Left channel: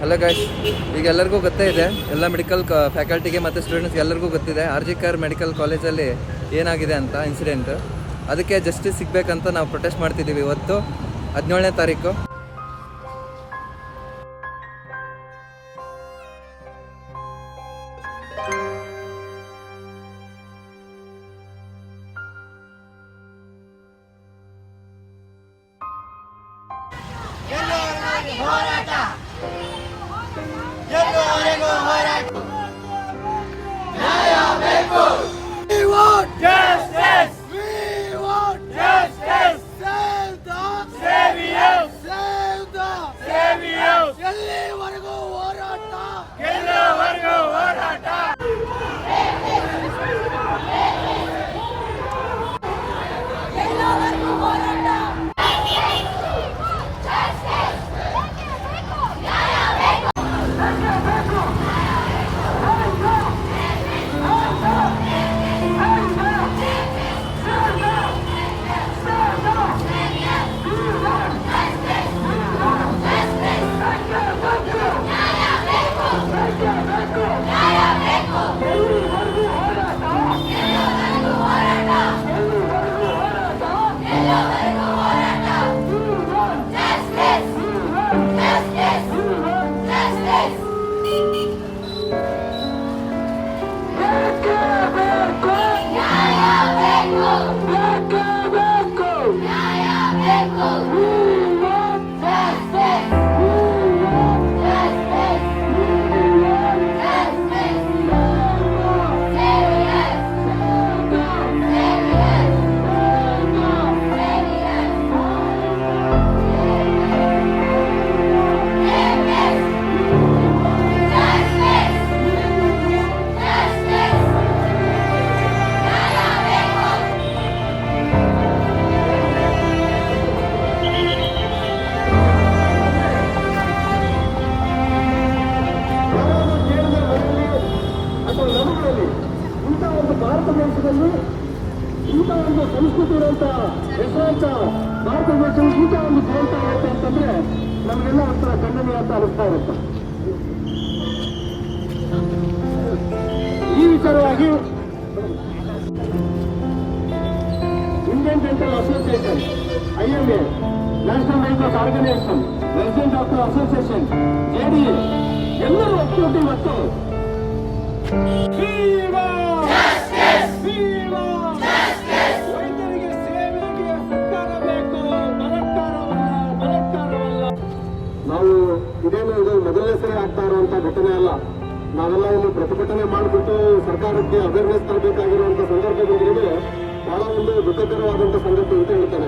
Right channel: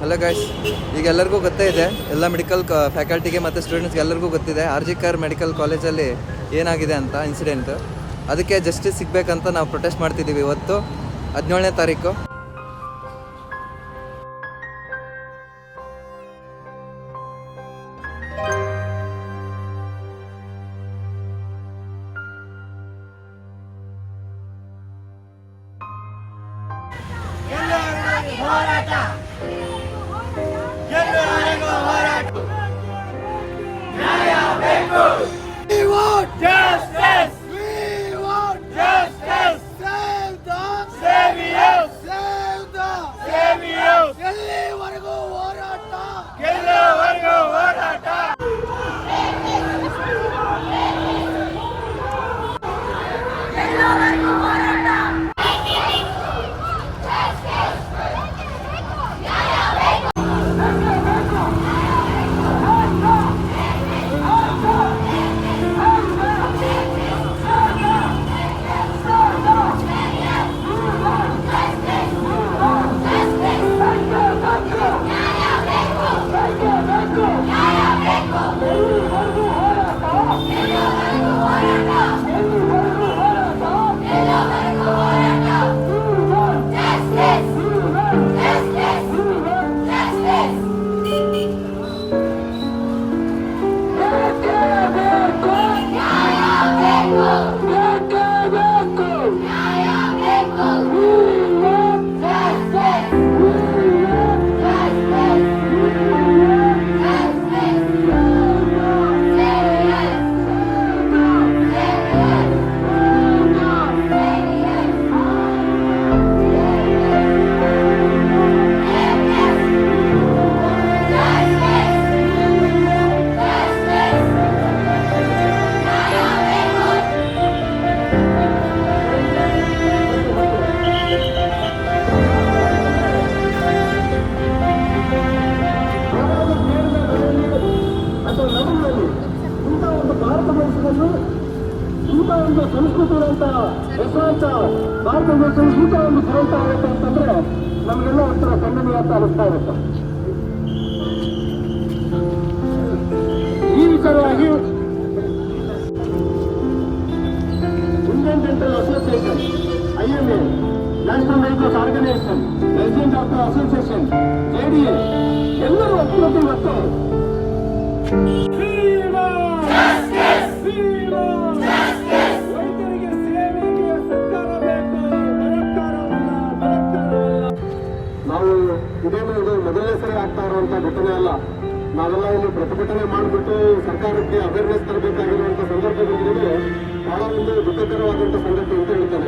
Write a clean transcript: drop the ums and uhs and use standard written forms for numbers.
Hello guys, ಈಗ ಎಲ್ಲರಿಗೂ ಗೊತ್ತೇ ಇದೆ, ಎಲ್ಲ ಮೆಡಿಕಲ್ ಫ್ಯಾಕಲ್ಟಿಗೆ ಮತ್ತು ಸ್ಟೂಡೆಂಟ್ಸ್ಗೆ ಎಲ್ಲರಿಗೂ ಗೊತ್ತಿದೆ RGKR ಮೆಡಿಕಲ್ ಕಾಲೇಜಲ್ಲಿ ಏನಾಗಿದೆ ಅಂತ ಇನ್ಸಿಡೆಂಟ್. ಅದಕ್ಕೆ ಜಸ್ಟಿಸ್ ಸಿಗಬೇಕಂತ ನಾವು ಪ್ರೊಟೆಸ್ಟ್ ಮಾಡ್ತಿದ್ದೀವಿ ಇವತ್ತು 17ನೇ ತಾರೀಕು. We want justice. We want justice. Save the saviors. Save the saviors. ಎಲ್ಲಿವರೆಗೂ ಹೋರಾಟ? ಎಲ್ಲಿವರೆಗೂ ಹೋರಾಟ? ಒಂದು ಸಂಸ್ಕೃತಿ ಇರುವಂತ ಹೆಸರಾಂಶ ಭಾರತ ದೇಶವು ಊಟ ಒಂದು ದುರಂತ ಆಗುತ್ತೆ ಅಂತಂದ್ರೆ ನಮಗೆಲ್ಲ ಒಂಥರ ಖಂಡನೀಯ ಅಂತ ಅನಿಸ್ತಾ ಇರುತ್ತೆ. ಈ ವಿಚಾರವಾಗಿ Indian dental association, IMA, national medical organisation, resident doctor association, JDA ಎಲ್ಲರೂ ಒಟ್ಟು ಇವತ್ತು ವೈದ್ಯರಿಗೆ ಸೇವೆಗೆ ಸರ್ಕಾರ ಬೇಕು, ಬಲಾತ್ಕಾರವಲ್ಲ. ನಾವು ಇದೇನು ಇದು ಮೊದಲನೇ ಸರಿ ಆಗ್ತಾ ಇರುವಂತ ಘಟನೆ ಅಲ್ಲ. ನಾವೆಲ್ಲ ಇಲ್ಲಿ ಪ್ರತಿಭಟನೆ ಮಾಡಿಬಿಟ್ಟು ಸರ್ಕಾರಕ್ಕೆ ಅವೇರ್ನೆಸ್ ತರಬೇಕಾಗಿರುವಂತ ಸಂದರ್ಭದಲ್ಲಿ ಬಹಳ ಒಂದು ದುಃಖಕರವಾದಂತ ಸಂಗತಿ ಅಂತ ಹೇಳ್ತಾರೆ.